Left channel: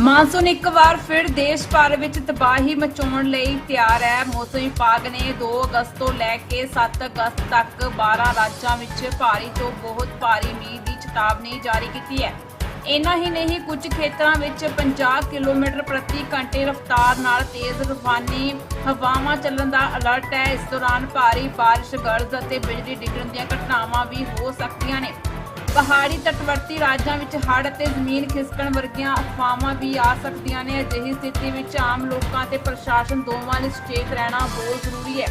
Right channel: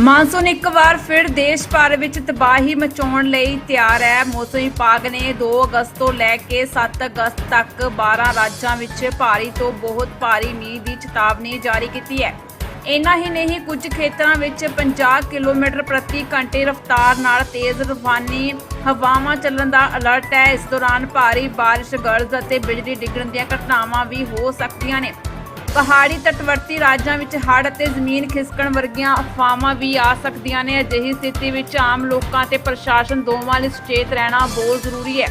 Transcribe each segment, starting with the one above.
Monsoon ਇੱਕ ਵਾਰ ਫਿਰ ਦੇਸ਼ ਭਰ ਵਿੱਚ ਤਬਾਹੀ ਮਚਾਉਣ ਲਈ ਤਿਆਰ ਹੈ। ਮੌਸਮ ਵਿਭਾਗ ਨੇ 2 ਅਗਸਤ ਤੋਂ ਲੈ ਕੇ 7 ਅਗਸਤ ਤੱਕ 12 ਰਾਜਾਂ ਵਿੱਚ ਭਾਰੀ ਤੋਂ ਬਹੁਤ ਭਾਰੀ ਮੀਂਹ ਦੀ ਚੇਤਾਵਨੀ ਜਾਰੀ ਕੀਤੀ ਹੈ। ਇੰਨਾ ਹੀ ਨਹੀਂ, ਕੁਝ ਖੇਤਰਾਂ ਵਿੱਚ 50 ਕਿਲੋਮੀਟਰ ਪ੍ਰਤੀ ਘੰਟੇ ਰਫ਼ਤਾਰ ਨਾਲ ਤੇਜ਼ ਤੂਫਾਨੀ ਹਵਾਵਾਂ ਚੱਲਣ ਦਾ ਅਲਰਟ ਹੈ। ਇਸ ਦੌਰਾਨ ਭਾਰੀ ਬਾਰਿਸ਼, ਗਰਜ ਅਤੇ ਬਿਜਲੀ ਡਿੱਗਣ ਦੀਆਂ ਘਟਨਾਵਾਂ ਵੀ ਹੋ ਸਕਦੀਆਂ ਨੇ। ਪਹਾੜੀ ਤਟਵਰਤੀ ਰਾਜਾਂ ਵਿੱਚ ਹੜ੍ਹ ਅਤੇ ਜ਼ਮੀਨ ਖਿਸਕਣ ਵਰਗੀਆਂ ਅਫਵਾਹਾਂ ਵੀ ਆ ਸਕਦੀਆਂ ਨੇ। ਅਜਿਹੀ ਸਥਿਤੀ ਵਿੱਚ ਆਮ ਲੋਕਾਂ ਤੇ ਪ੍ਰਸ਼ਾਸਨ ਦੋਵਾਂ ਲਈ ਸੁਚੇਤ ਰਹਿਣਾ ਬਹੁਤ ਜ਼ਰੂਰੀ ਹੈ।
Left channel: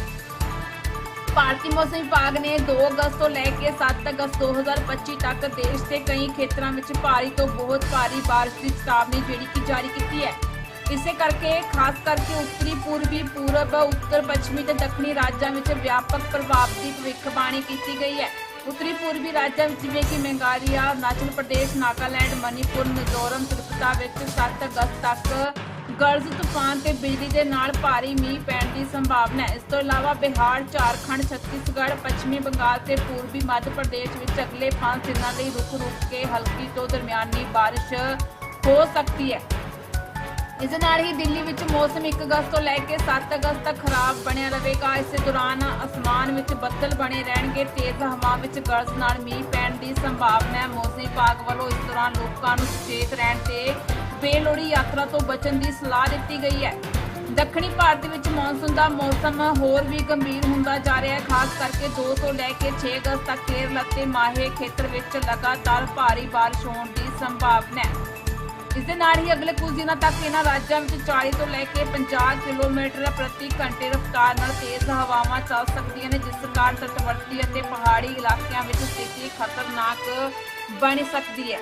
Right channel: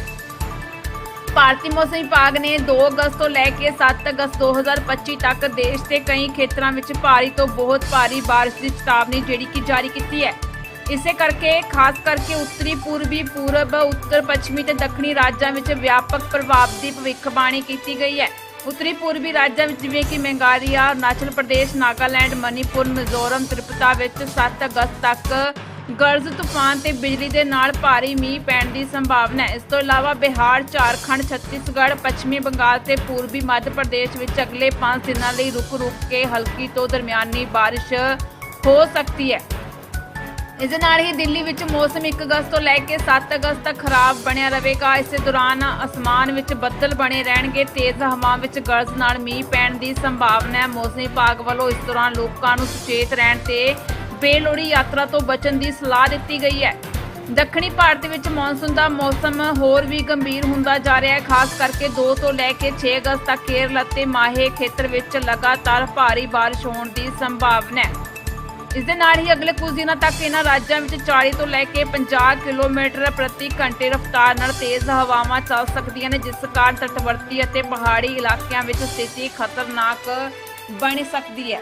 ਭਾਰਤੀ ਮੌਸਮ ਵਿਭਾਗ ਨੇ 2 ਅਗਸਤ ਤੋਂ ਲੈ ਕੇ 7 ਅਗਸਤ 2025 ਤੱਕ ਦੇਸ਼ ਦੇ ਕਈ ਖੇਤਰਾਂ ਵਿੱਚ ਭਾਰੀ ਤੋਂ ਬਹੁਤ ਭਾਰੀ ਬਾਰਿਸ਼ ਦੀ ਚੇਤਾਵਨੀ ਜਿਹੜੀ ਕਿ ਜਾਰੀ ਕੀਤੀ ਹੈ। ਇਸੇ ਕਰਕੇ, ਖਾਸ ਕਰਕੇ ਉੱਤਰੀ, ਪੂਰਬੀ, ਪੂਰਬ, ਉੱਤਰ, ਪੱਛਮੀ ਤੇ ਦੱਖਣੀ ਰਾਜਾਂ ਵਿੱਚ ਵਿਆਪਕ ਪ੍ਰਭਾਵ ਦੀ ਭਵਿੱਖਬਾਣੀ ਕੀਤੀ ਗਈ ਹੈ। ਉੱਤਰੀ ਪੂਰਬੀ ਰਾਜਾਂ ਵਿੱਚ ਜਿਵੇਂ ਕਿ ਮੇਘਾਲਿਆ ਅਰੁਣਾਚਲ ਪ੍ਰਦੇਸ਼, ਨਾਗਾਲੈਂਡ, ਮਨੀਪੁਰ, ਮਿਜ਼ੋਰਮ ਤ੍ਰਿਪੁਰਾ ਵਿੱਚ 7 ਅਗਸਤ ਤੱਕ ਗਰਜ ਤੂਫਾਨ ਤੇ ਬਿਜਲੀ ਦੇ ਨਾਲ ਭਾਰੀ ਮੀਂਹ ਪੈਣ ਦੀ ਸੰਭਾਵਨਾ ਹੈ। ਇਸ ਤੋਂ ਇਲਾਵਾ ਬਿਹਾਰ, ਝਾਰਖੰਡ, ਛੱਤੀਸਗੜ੍ਹ, ਪੱਛਮੀ ਬੰਗਾਲ ਤੇ ਪੂਰਬੀ ਮੱਧ ਪ੍ਰਦੇਸ਼ ਵਿੱਚ ਅਗਲੇ 5 ਦਿਨਾਂ ਲਈ ਰੁਕ-ਰੁਕ ਕੇ ਹਲਕੀ ਤੋਂ ਦਰਮਿਆਨੀ ਬਾਰਿਸ਼ ਹੋ ਸਕਦੀ ਹੈ। ਇਸ ਦੇ ਨਾਲ ਹੀ ਦਿੱਲੀ ਵਿੱਚ ਮੌਸਮ 1 ਅਗਸਤ ਤੋਂ ਲੈ ਕੇ 7 ਅਗਸਤ ਤੱਕ ਖਰਾਬ ਬਣਿਆ ਰਹੇਗਾ। ਇਸ ਦੌਰਾਨ ਅਸਮਾਨ ਵਿੱਚ ਬੱਦਲ ਬਣੇ ਰਹਿਣਗੇ। ਤੇਜ਼ ਹਵਾ ਵਿੱਚ ਗਰਜ ਨਾਲ ਮੀਂਹ ਪੈਣ ਦੀ ਸੰਭਾਵਨਾ ਹੈ। ਮੌਸਮ ਵਿਭਾਗ ਵੱਲੋਂ ਇਸ ਦੌਰਾਨ ਲੋਕਾਂ ਨੂੰ ਸੁਚੇਤ ਰਹਿਣ ਤੇ ਬੇਲੋੜੀ ਯਾਤਰਾ ਤੋਂ ਬਚਣ ਦੀ ਸਲਾਹ ਦਿੱਤੀ ਗਈ ਹੈ। ਦੱਖਣੀ ਭਾਰਤ ਵਿੱਚ ਮੌਨਸੂਨ ਦਾ ਮੌਸਮ ਹੋਰ ਵੀ ਗੰਭੀਰ ਹੁੰਦਾ ਜਾ ਰਿਹਾ ਹੈ। ਖਾਸ ਕਰਕੇ 2 ਤੋਂ ਲੈ ਕੇ 6 ਅਗਸਤ ਤੱਕ ਕੇਰਲ ਅਤੇ ਮਾਹੇ ਖੇਤਰ ਵਿੱਚ ਲਗਾਤਾਰ ਭਾਰੀ ਬਾਰਿਸ਼ ਹੋਣ ਦੀ ਸੰਭਾਵਨਾ ਹੈ। ਇਸ ਦੇ ਨਾਲ ਹੀ ਅਗਲੇ ਕੁਝ ਦਿਨਾਂ ਤੱਕ ਇਹਨਾਂ ਰਾਜਾਂ ਵਿੱਚ 40 ਤੋਂ ਲੈ ਕੇ 50 ਕਿਲੋਮੀਟਰ ਪ੍ਰਤੀ ਘੰਟੇ ਰਫ਼ਤਾਰ ਨਾਲ ਤੇਜ਼ ਹਵਾਵਾਂ ਚੱਲ ਸਕਦੀਆਂ ਨੇ, ਜਿਸ ਕਾਰਨ ਤਟਵਰਤੀ ਅਤੇ ਪਹਾੜੀ ਇਲਾਕਿਆਂ ਵਿੱਚ ਸਥਿਤੀ ਖਤਰਨਾਕ ਬਣ ਸਕਦੀ ਹੈ।